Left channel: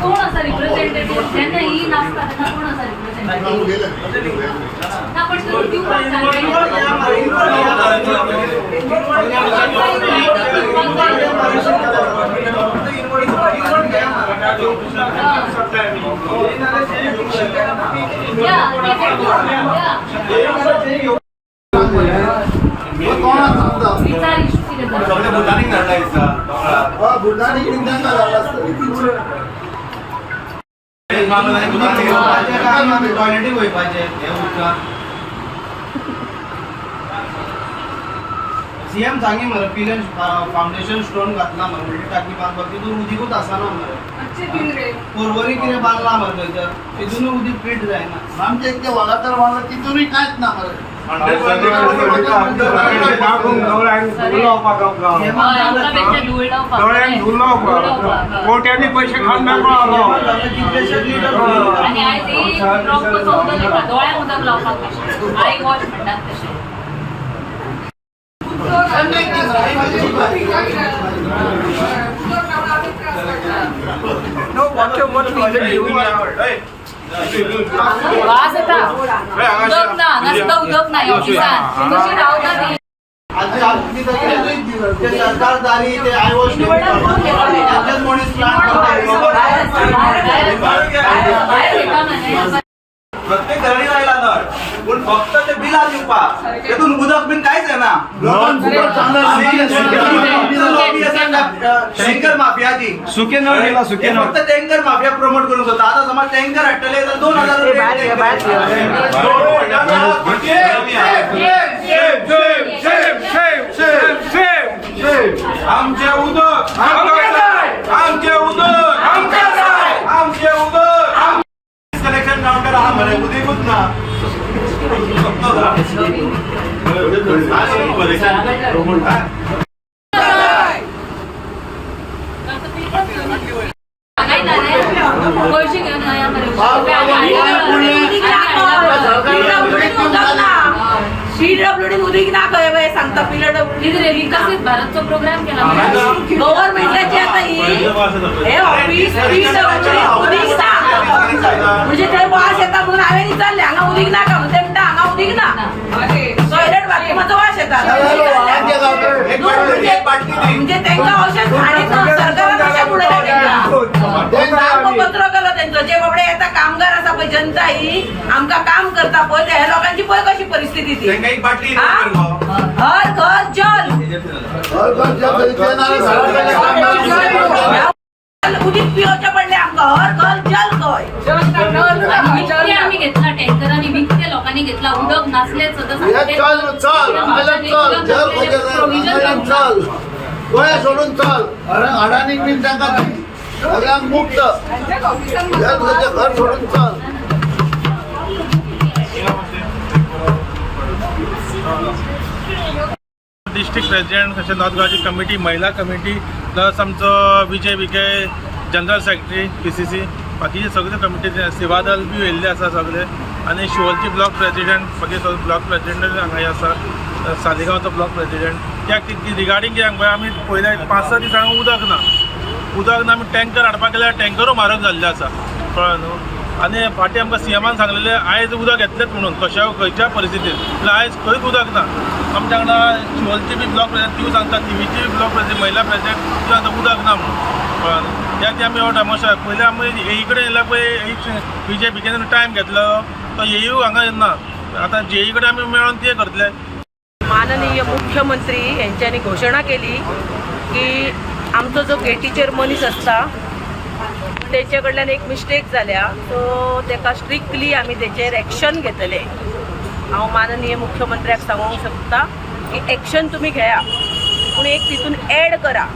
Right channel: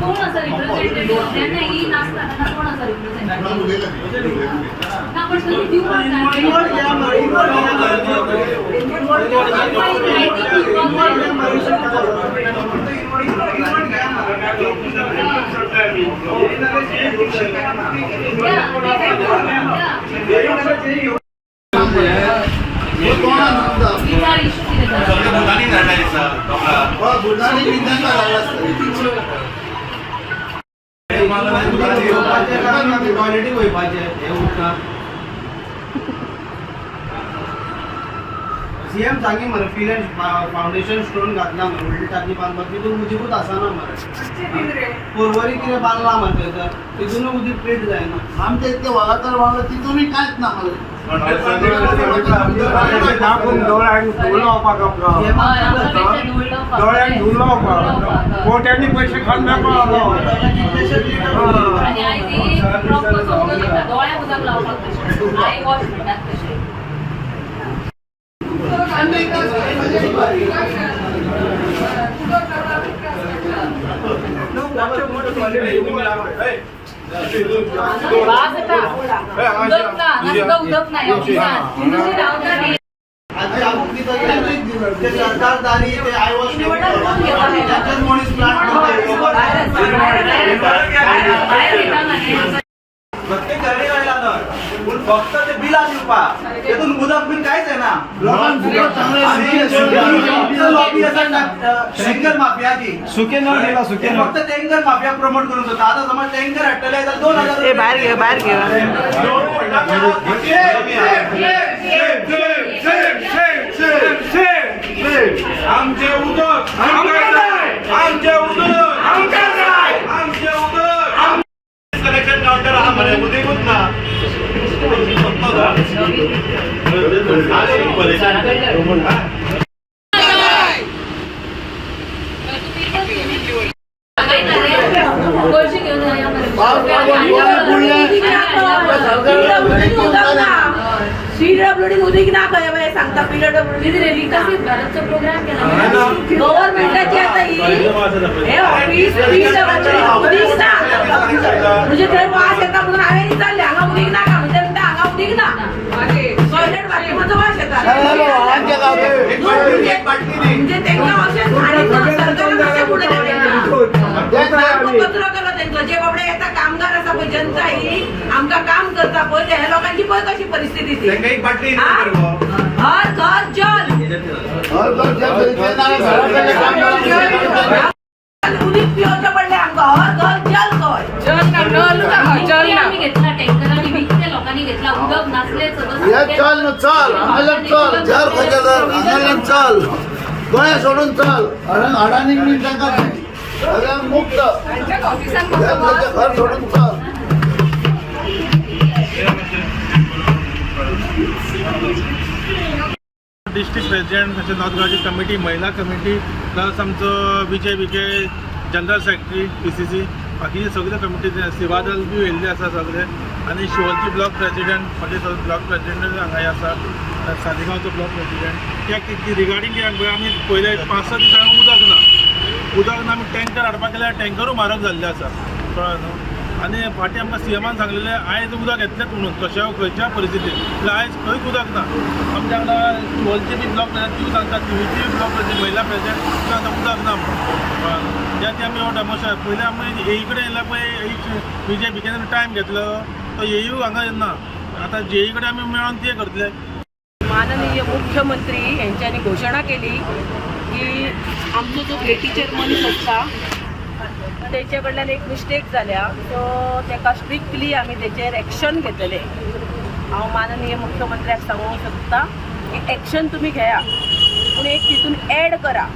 कोण असा रिप्रेझेंटेटिव्ह ज्यांना ही नाचता त्यांना कोण असा रिप्रेझेंटेटिव्ह ना पण तुम्ही देऊ सीएम सांगे मरे पिलन फाउंडेशन स्टोन घातला मरे टाकी बांधला तिथून उदीकूच आसाना मरे पोरवरी कितें बांधला मरे थंयसर तिथून उदीक पेट जायना आमच्या इतके वागातर वांगडा तिथूनय कांयच ना मरे कोट्यांनी पैसे खाऊन आणि आय ते प्रॉपर समजलं का डोळ्या उदक लावपाक कशें आय वॉश म्हणटात तशें No water much toilet उदक ना रावता सरकारदारी ते आय वॉश प्रत्येक घरी राहिला तर पण फक्त ते बिला दिवपाक तेतून उदक बिन कांयच येना टँकर माफियाची सुके नळ गेला सुके नळ फक्त टँकर माफिया प्रमोट करून सोदता आता समज टँकर हाडटले तर 2000 आमचे उदक आमचे उदक आमचे उदक कलेक्शन काउंटर हा म्हणे उदीकूच ना पैसे घेऊन CWD उदीक ना काय बाय सांगता PWD विकसित भारतचा प्रोग्राम केला गव्हर्नमेंटची आता ही हे ऑफिस PWD उदीक ना म्हणजे ते वास येता म्हणून हांवें विचारले हांगा उदीक ना का म्हणते म्हणटा हांगा उदीक ना टॉयलेट बाथरूमाचो वास येता म्हणजे तेंका अशें सांगितलं सरकारान अशें पुढे पत्र केलं त्यांचं जे बाबडे येता कामगार असा पळय जनता ही आमकां काम करता पळय त्या लोकांची पळय कशी परिस्थिती ती हर घर जल उदीक पिवचे पडले आमकां हर घर जल खंय आम्ही घेतला टँकर आणि विकते लोकांनी घेतला उदक नसले गोळ्या सोडून चल अडाणी बिन तांकां सगळ्यांक मुक्त घर सोडून चल डिस्ट्रिक्ट प्रेसिडेंट तशें नॉर्थ गोवाची कमिटी महिला कमिटी प्लस आमचो विजय विखे जनरल सेक्रेटरी PCC बाकीचे सगळे कमिटी सेवादल बी येयल्ले आसा सगळे आनी शिवोलची ब्लॉक प्रेसिडेंट बाकी ब्लॉक प्रेसिडेंट हांगा आसा सालिगांवचो ब्लॉक प्रेसिडेंट कित्याक रिगार्डींग कित्याक पळय आमी पयले 5-6 दीस हांगा उदक ना आमी टँकर हाडपाक गेल्यार टँकरू म्हारग जाल्ले आसा कळ्ळें न्हू आनी फाटीं आमकां CMान सांगलेलें आयज उदक येतलेंच म्हणून खंयच्या परिस्थितीन म्हळ्यार आयज खंयच उदक ना आमच्या वांगडा शिवोलची बी ब्लॉक प्रेसिडेंट ती सांगता TVची बी ब्लॉक प्रेसिडेंट महिला प्रेसिडेंट ती सांगता उदक ना म्हणून कळ्ळें न्हू त्या आमी हो डेमोस्ट्रेशन पयलीं आमी हे कडेन येयल्यार पळय विजय विखेन टायम घेतलो तो येयू हांगा येना आतां JE कडेन आमी मेळोन ते करतले. माननीय मुख्यमंत्री यांच्यानी घोषणा केली की आमचो जो गेटीचेर मनीस आसता तेचे कडल्यान एक मिस्टेक जाल्या सो तेका स्ट्रिक्टली आमी तेचेर एक्शन घेतले. हांव माननीय मुख्यमंत्र्याक सांगूंक शकता की एक्शन तुम्ही घेया पूण एक तितून ॲड करा.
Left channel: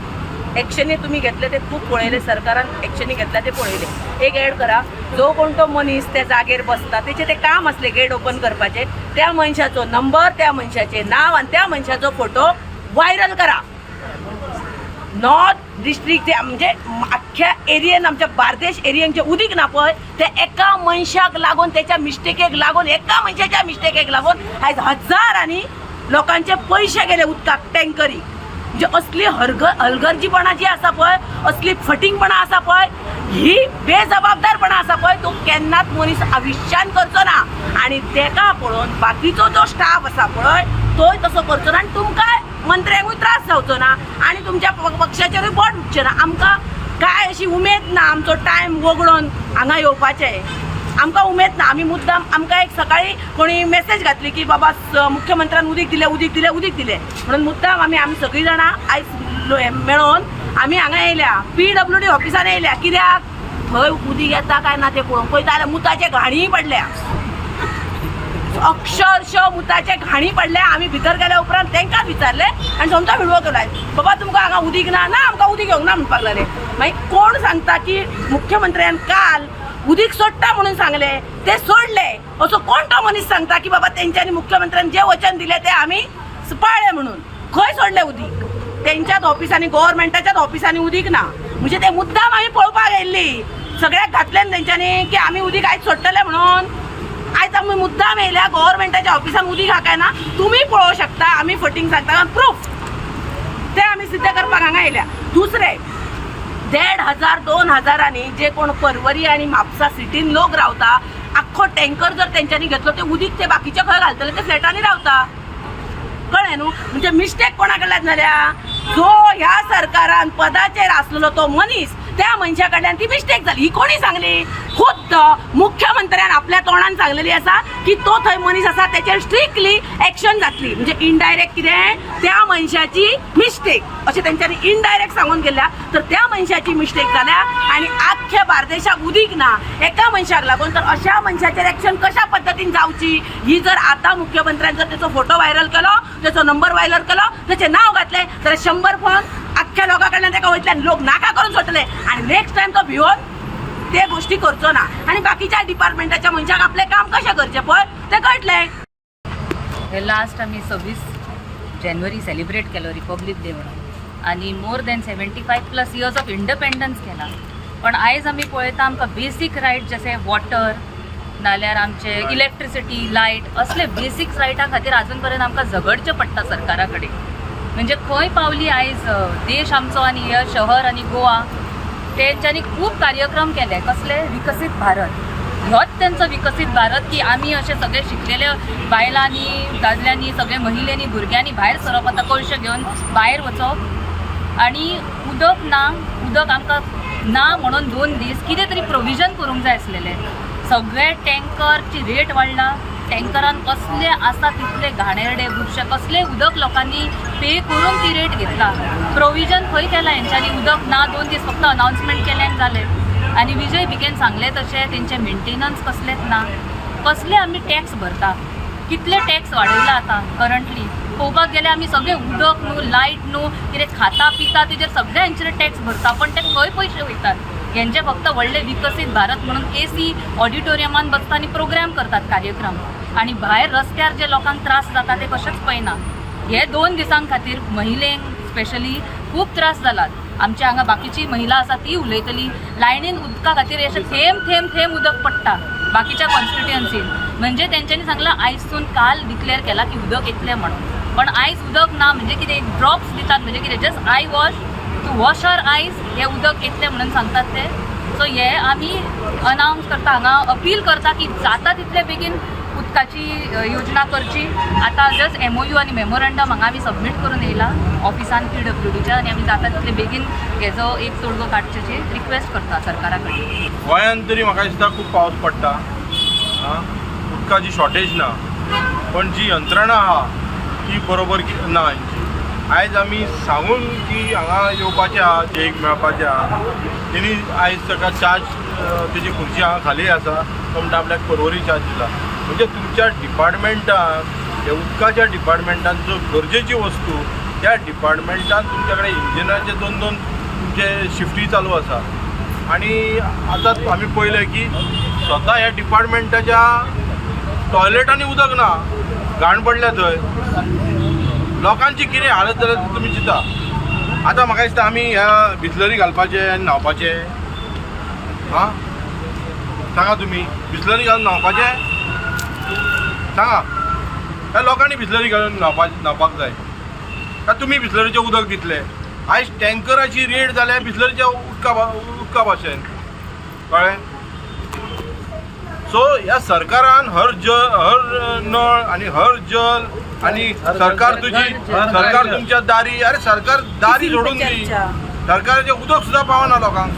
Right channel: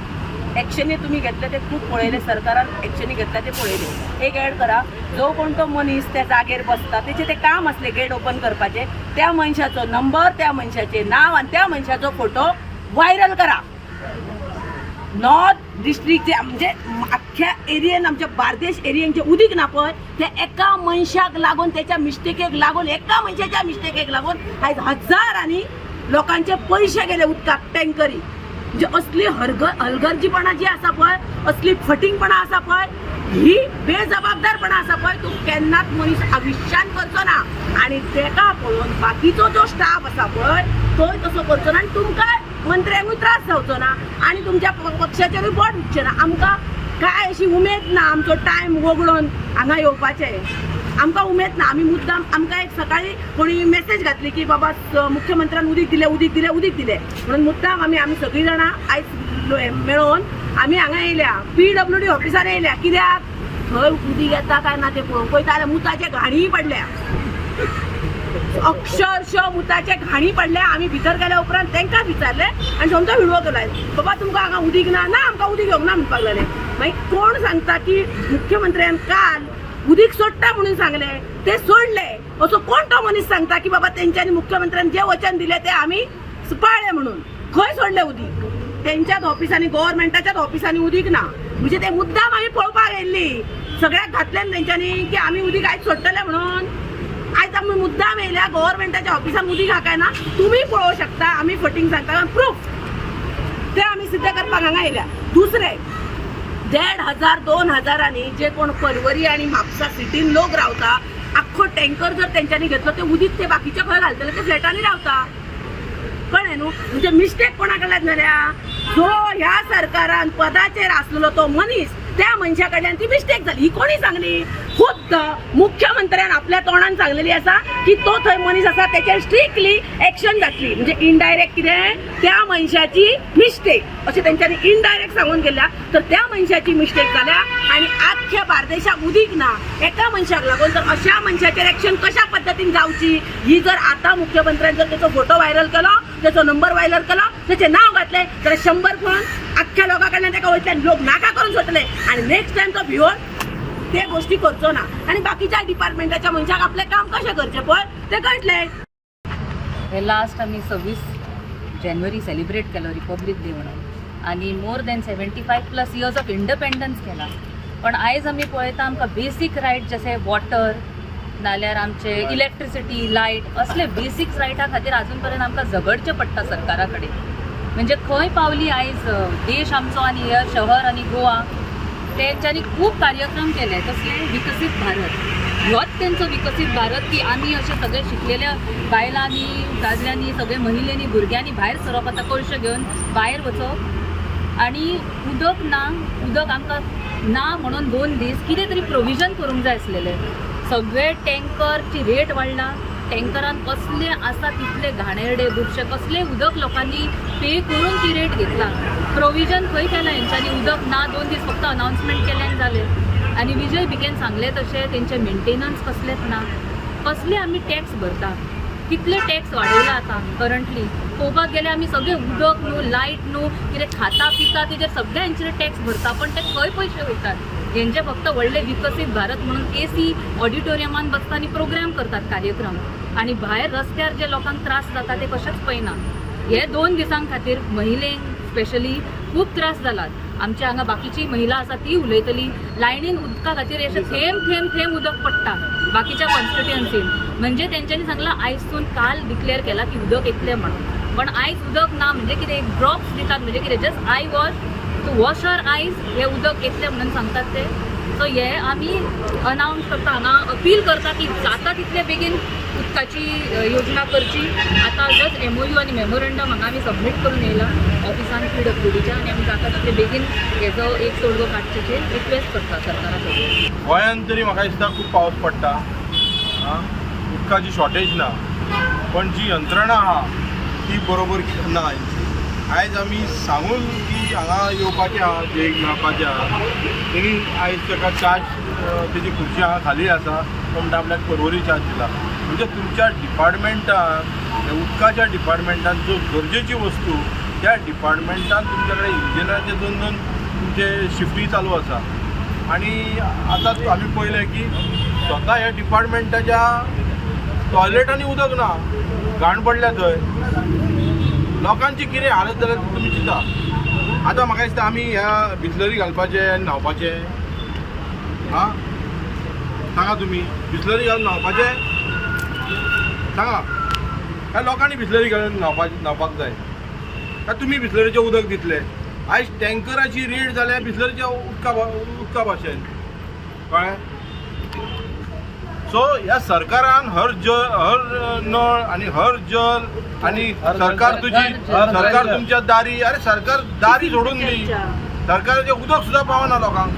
एक्शनी तुम्ही घेतले ते खूप पळयले सरकारान एक्शनी घेतल्या ते पळयले एक ॲड करा जो कोण तो मनीस त्या जागेर बसता तेचे ते काम असले गेट ओपन करपाचे त्या मनशाचो नंबर त्या मनशाचे नाव आणि त्या मनशाचो फोटो व्हायरल करा. नॉर्थ डिस्ट्रिक्ट म्हणजे अख्ख्या एरियेन आमच्या बार्देश एरियेन जे उदीक ना पळय ते एका मनशाक लागून त्याच्या मिस्टेकेक लागून एका मनशाच्या मिस्टेकेक लागून आयज हजारांनी लोकांचे पैसे गेले उदकाक टँकरी. म्हणजे असली हलगर्जीपणा जी आसा पळय असली फटिंगपणा आसा पळय ही बेजबाबदारपणा आसा पळय तो केन्नाच मनीस आयुश्यान करचो ना आणि तेका पळोवन बाकीचो जो स्टाफ आसा पळय तोय तसो करचो ना आणि तुमकां मंत्र्यांकूय त्रास जावचो ना आणि तुमच्या पक्षाचेरूय बोट उठचें ना. आमकां काय अशी उमेद ना आमचो टायम वगडोन हांगा येवपाचें. आमकां उमेद ना. आमी मुद्दाम आमकां एक सकाळी कोणी मेसेज घातली की बाबा मुख्यमंत्र्यान उदीक दिले म्हणून मुद्दाम आमी सगळीं जाणां आयज मेळोन आमी हांगा येयल्या PWD ऑफिसान येयल्या. कित्याक थंय उदीक येता काय ना तें पळोवंक पळयता जाल्यार मुताचे घाणी पडल्या, अक्षरशः मुताचे घाणी पडल्या. आमी भितर गेल्या उपरांत तांकां विचारलें आनी समजा व्हिडिओ केलाय बाबा तुमकां हांगा उदीक ना आमकां उदीक येवंक ना म्हणपाक लागले. मागीर कोण सांगता की मुख्यमंत्र्यान काल उदीक सोडटा म्हणून सांगले ते सोडले असो कोण तो मनीस सांगता की बाबा तेंच्यांनी मुख्यमंत्र्यान जे वचन दिले ते आमी पाळले म्हणून. खंय सोडले उदीक? तेंच्याच ऑफिसांनी गव्हर्नमेंटाच्याच ऑफिसांनी उदीक ना म्हणजे ते मुद्दाम आमी पळोवपाक येयल्ली. सगळ्याक घातले तेंच्यांनी की आमी उदीक आयज सोडटले म्हणून. आयज आमी मुद्दाम येयल्या गव्हर्नमेंटाच्या ऑफिसान उदीक हा काय ना तुमी पळोवंक शकता. आमी फटींग सांगता प्रूफ ते आमी सिद्ध करपाक हांगा येयल्या. दुसरे 1,500-2,000 जे कोण परवरी आणि म्हापसा सिटीन लोक रावता आख्खो टँकर जर तेंच्यांनी घेतलो ते उदीक ते बाकीचे खंय घालतले ते फ्लॅटांनी रावता. कळ्ळें न्हू. म्हणजे मिस्टेक कोणा कडल्यान जाल्या जो ह्या सरकारान पदाचेर आसलेलो तो मनीस त्या मनशा कडल्यान ती मिस्टेक जाली. ही कोणी सांगली? खुद्द मुख्यमंत्र्यान आपल्या तोंडान सांगलेली आसा की तो थंय मनीस आसा त्याचेर स्ट्रिक्टली एक्शन जातली. म्हणजे इनडायरेक्ट कितें त्या मनशाची मिस्टेक अशें तेंच्यांनी इनडायरेक्ट सांगून गेल्या. तर त्या मनशाची मिस्टेक जाल्या आणि आख्ख्या बार्देशाक उदीक ना एका मनशाक लागून. तर अशा मनशाचेर एक्शन कशा पद्दतीन जावची ही जर आता मुख्यमंत्र्यान जर त्याचो फोटो व्हायरल केलो त्याचो नंबर व्हायरल केलो त्याचें नाव घातलें जाल्यार 100 फोन आख्ख्या लोकां कडल्यान तेका वयतल्यान लोक नाका करून सोडटले आणि नेक्स्ट टाइम तो भिवून ते गोष्टी करचो ना. आणि बाकीच्या डिपार्टमेंटाच्या मनशाक आपले काम कशें करचें पळय ते कळटलें. हे लास्ट आमी 26 जानेवारी सेलिब्रेट केलो रिपब्लीक डे म्हणून आणि more than 75+ years of independence केला. पण आयज आमी पळयता आमकां बेसीक रायट जशे वॉटर नाल्यार आमचे इलेक्ट्रिसिटी लायट असले बेसीक रायटा खातीर आजून पर्यंत आमकां झगडचें पडटा सरकारा कडेन. म्हणजे खंय पावली आयज देश आमचो आनी हे शहर आनी गोवा तेंच्यांनी खूब कार्यक्रम केले. कसले विकसीत भारत ह्योच तेंचो विकसीत भारत की आमी अशे सगळे शिकलेल्या बायलांनी दादल्यांनी सगळे महिलेनी भुरग्यांनी भायर सरप आतां कळश्यो घेवन भायर वचप आणि उदक ना उदक आमकां ना म्हणून 2 दीस कितें तरी प्रोविजन करूंक जाय आसलेले. सगळे टँकरची रेट वाडला. टँकरान कसले आसा तितले घाणेरडे बुरशे कसले उदक लोकांनी पे करून ती रेट घेतला. प्रोविजन खंय केलां हेंच्यांनी? उदक ना 2 दीस फक्त अनाउन्समेंट केल्यान जाले. आणि विजय बिकेन सांगले तशें तेंचे मेंटेनन्स कसलेच ना. कसले आमी टॅक्स भरता कितले टॅक्स वाडयला आतां करंटली पळोवपाक गेल्यार आमी सगळे उदक न्हू लायट न्हू कितें खाता पिता तेजेर सगळ्यांचेर टॅक्स भरता. पण ते खंय पयशे वयतात? हेंचे फक्त व्हडले विकसीत भारत म्हणून AC ऑडिटोरियमान बसता आनी प्रोग्राम करतात कार्यक्रम आणि भायर रस्त्यार जे लोकांक त्रास जाता ते कशेंच पळयना. हे 2 दिसां खातीर महिलेंक स्पेशली खूब त्रास जालात. आमच्या हांगा बाकीची महिला आसा ती उलयतली लायनीन उदका खातीर अशें थेंब उदक पडटा बाकीच्या कॉन्स्टिट्युएन्सीन. म्हणजे तेंच्यांनी सांगलां आयजसून काल डिक्लेअर केला की उदक येतलें म्हणून. पण आयज उदक ना म्हणजे कितें ड्रॉप्स दितात म्हणजे कितें just eye wash to wash our eyes हे उदक येतलें म्हणून सांगतात ते. सो हे आमी अनाउन्स करता हांगा अपील करता की जाता तितले बेगीन उदकाची योजना करची. आता जस्ट MOU आणि मेमोरंडम हांगा आमी सबमीट करून येयला ऑफिसान PWDच्या आणि आमी जाता तितले बेगीन हेजो एक तोडगो काडचेची रिक्वेस्ट करता सरकारा कडेन. गोंयांत तरी म्हाका दिसता खूब पावस पडटा उदकाची शॉर्टेज ना पण जी यंत्रणा आहा ती बरोबर ना. आयज आमी सांगून की हांगा येवपाचें आहा जेक मेळपाचें आहा तेणी आयज ताका चार्ज तेजी खुर्ची हांगा खाली आसा तो म्हणटा आपल्याक परवरी चार्ज दिला. म्हणजे तुमच्या डिपार्टमेंटान हे उदकाच्या डिपार्टमेंटान ज्यो गरजेची वस्तू त्या डिपार्टमेंटान तुमच्या कडेन इंजिनाचे 2-2 तुमचे शिफ्टी चालू आसा. आणि आतां आमी पळयलें की स्वता ह्या डिपार्टमेंटाच्या टॉयलेटांनी उदक ना घाण पडल्या थंय. लोकांची कितें हालत जाल्या तुमी चिंता. आतां म्हाका दिसता आमी ह्या बिसलरी घालपाचें आनी न्हांवपाचें सांगा तुमी बिसलरी घालून न्हांवपाचें सांगा. ह्या लोकांनी बिसलरी घालून न्हांवपाक जाय काय तुमी बिसलरीचें उदक दितले? आयज टँकराची रेट जाल्या बिसलरीच्या उदका भाशेन कळ्ळें? सो ह्या सरकारान हर नळ आणि हर जल आणि सरकार तुमच्या दारी, अरे सरकार दारी सोडून दी, सरकाराचें उदक सुद्दां पावना लोकांक.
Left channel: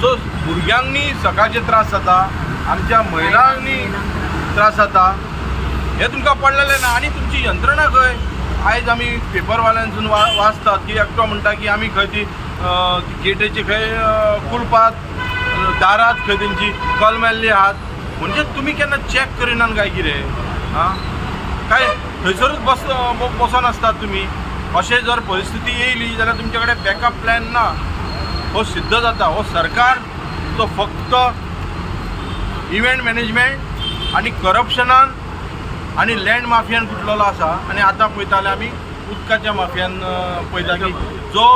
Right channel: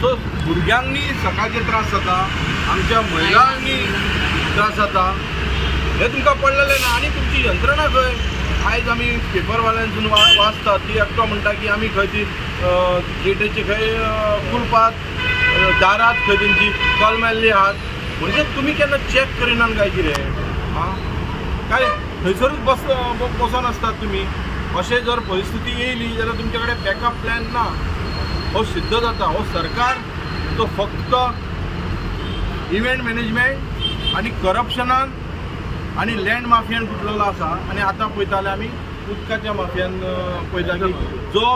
सो भुरग्यांनी सकाळचे त्रास जाता, आमच्या महिलांनी त्रास जाता, हे तुमकां पडलेलें ना. आनी तुमची यंत्रणा खंय? आयज आमी पेपरवाल्यांसून वाचतात की एकटो म्हणटा की आमी खंय ती गेटीचे खंय कुलपात, दारात खंय तेंची कल मेल्ली आहात. म्हणजे तुमी केन्ना चॅक करिनात काय कितें? काय थंयसरूच बसून आसतात तुमी? अशें जर परिस्थिती येयली जाल्यार तुमचे कडेन बॅकअप प्लॅन ना. हो सिद्ध जाता हो सरकार तो फक्त इव्हेंट मॅनेजमेंट आणि करप्शनान आणि लँड माफियान कुटलेलो आसा. आणि आतां पळयता जाल्यार आमी उदकाच्या माफियान पळयता की जो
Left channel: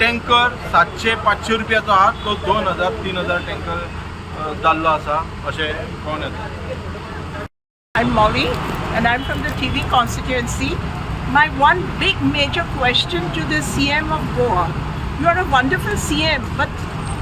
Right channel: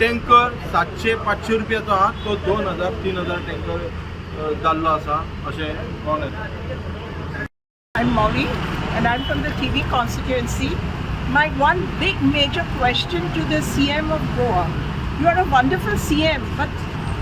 टँकर 700-500 रुपयाचो आहा तो 2000-3000 टँकर जाल्लो आसा अशें कळून येता. I'm Mauri and I'm from the TV constituency. My one big major question to the CM of Goa. You are a wonderful CM, but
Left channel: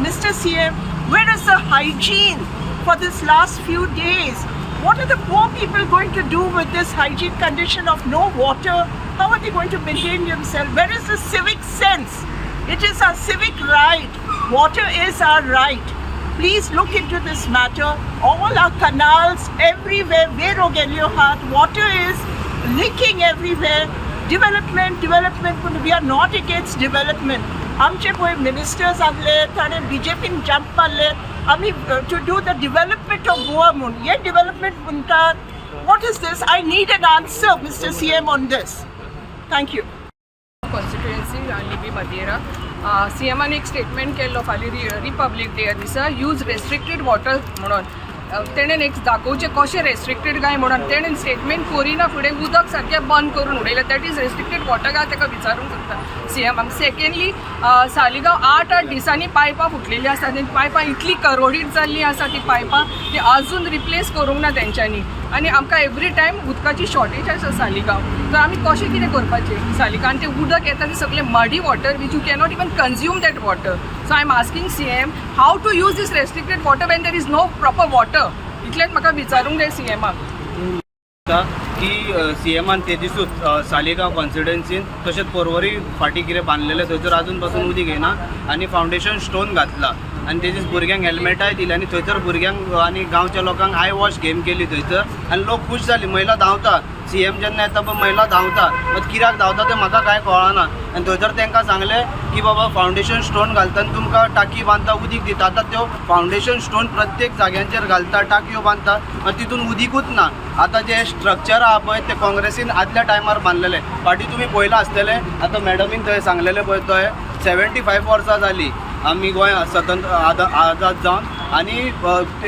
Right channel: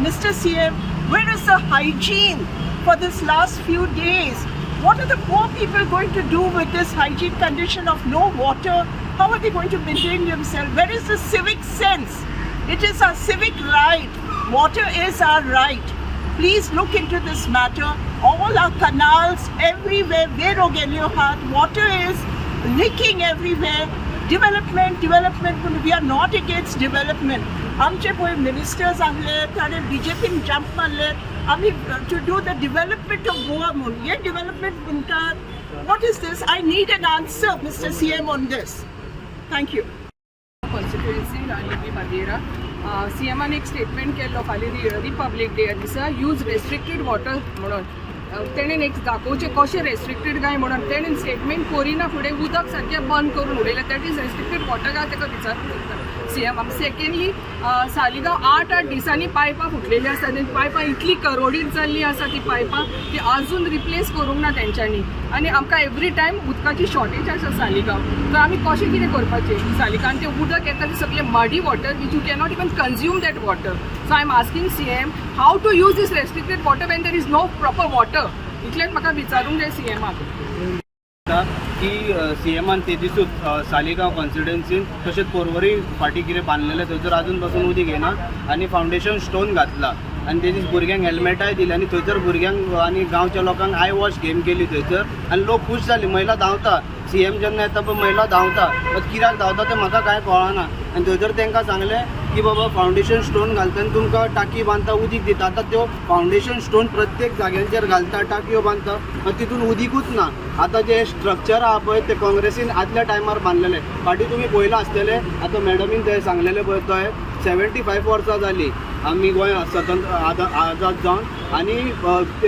Mr. CM, where is the hygiene for this last few days? What are the poor people going to do with this hygiene condition of no water? How are they going to maintain themselves? Where is the civic sense? It is our civic right. Water is our right. Please look into this matter. All our canals, everywhere, water is leaking everywhere. Development, we are not against development. आमचे पळय ministers आसले ताणें BJPन jump मारले आमी to do the development of Goa म्हणून. हे development म्हणटात. What is this? I need an answer mister CM on this. Thank you. Constituency रानलिबी मादेरा. CMन एक स्टेटमेंट केल्लो फाल्यां रिपब्लीक डे दिसा यूज रेस्ट्रिक्टेड वॉटर म्हणून. तेणेन एक दाखोवचें कशें रेस्ट्रिक्टेड काय म्हणून. तेणेन स्टेटमेंट करिना फुडें उदक सारकें बंद करून उडयलें. दॅट इज रेस्ट्रिक्टेड वॉटर काय ताका विचारूंक करता CMाक. सेकेंडली सालिगांव 8 दिसांनी पायपां फुटलेलीं आसा. आनी पायपां इतली करोडीत जाल्लीं आसा ती पायपां ती आजून रिप्लेस करूंक ना तेंच्यांनी. आनी आमकां एवरी टायम उदकाची शॉर्टेज आसा सालिगांव. तर आमी कशें कितें करपाचें? सालिगांव तें उदक येता तें सगळें muddy water which you cannot even consume that water. So I am asking CM how to use these restricted water when there is no proper water. इतलेंच म्हाका विचारूंक जाय CMाक की CMन ते दिसूच सालिगांव कॉन्स्टिट्युएन्सीन तशेंच पर्वरी फाटी कितें बांदलेलें थंयसर आजून पासून उदीक येना आनी फावंडेशन स्टोन घातला आनी तेजीच भुरग्यांक हेल्मेटाय दिली आनी थंयसर भुरग्यांक आनी गांवच्या लोकांक आय वॉश गेम केली थंयसर आनी लोक खूश जाली. महिला धांवता. CM जेन्ना येता पळय महिला धांवता. कित्याक धांवता तें म्हाका कांय कळना. आनी थंयसर तांकां सांगलें की बाबा फावंडेशन स्टोन घालता आनी तुमकां टाकी बांदता उदीक दिता. आतां त्यो फावंडेशन स्टोन प्रत्येक जाग्यांचेर घालता टाकयो बांदता आनी तितून उदीकूच ना. आतां जे स्ट्रक्चर आहा पळय ते काँग्रेसीन आदल्या टायमार बांदलेले. फाटीं तुमी पळयलां आसतलें आतां मॅडमीन थंय सांगलेलें पळय थंय 75 वर्सां जालीं आमी गोंय स्वतंत्र आजाद जावन. आनी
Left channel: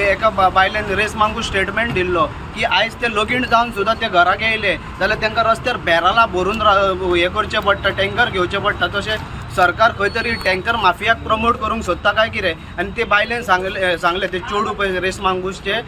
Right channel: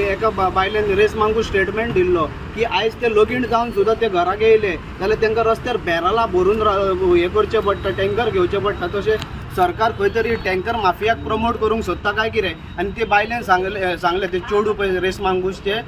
एका बायलेन रेस मागून स्टेटमेंट दिल्लो की आयज ते लोगीण जावन सुद्दां ते घराक येयले जाल्यार तांकां रस्त्यार बॅरलां भरून हें करचें पडटा, टँकर घेवचें पडटा. तशें सरकार खंय तरी टँकर माफियाक प्रमोट करूंक सोदता काय कितें? आनी ते बायलेन सांगलें ते चोडू पळय रेस मांगूसचे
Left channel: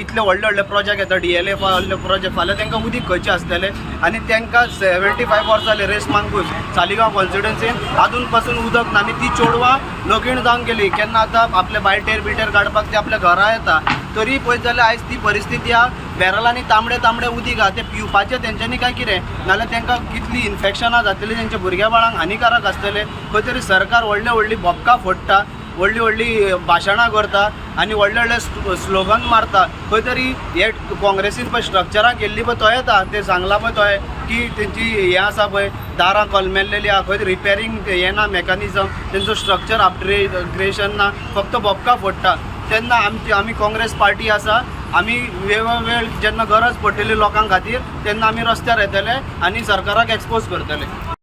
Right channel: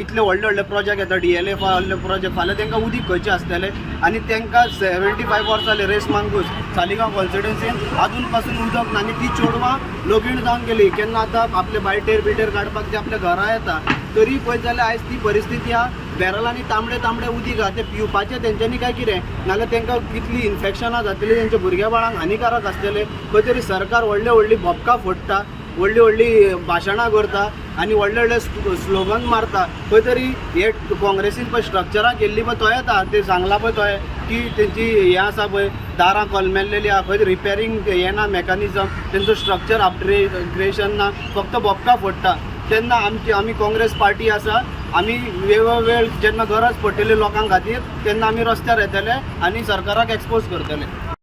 इतले व्हडले व्हडले प्रोजेक्ट येता DLA व्हडले प्रोजेक्ट फाल्यां तांकां उदीक खंयचें आसतलें. आनी तांकां 75 वर्सां जालीं रेस मांगूस सालिगांव कॉन्स्टिट्युएन्सीन आजून पासून उदक ना. आनी ती चोडवां लोगीण जावन गेली. केन्ना आतां आपले बायटेर बिटेर काडपाक ते आपल्या घरा येता तरी पळयत जाल्यार आयज ती परिस्थिती आहा. बॅरलांनी तांबडे उदीक आहा तें पिवपाचें तेंच्यांनी काय कितें? नाल्यार तांकां कितली इन्फेक्शनां जातलीं तेंच्या भुरग्या बाळांक हानिकारक आसतलें. खंय तरी सरकार व्हडली बोबकां फोडटा, व्हडली भाशणां करता आनी व्हडले स्लोगन मारता. खंय तरी हे काँग्रेसीन पळय स्ट्रक्चरां केल्ली पळय तो येता ते सांगला पळय तोय की तेंची हें आसा पळय दारां कलमेल्लेलीं आहा. खंय रिपेरींग हें ना मेकॅनिझम तेंचो स्ट्रक्चर अपग्रेडेशन ना, फक्त बोबकां फोडटा. तेन्ना आमी काँग्रेस पार्टी आसा. आमी वेळ जेन्ना गरज पडटली लोकांक खातीर तेन्ना आमी रस्त्यार येतले आनी सरकाराक एक्सपोज करतले.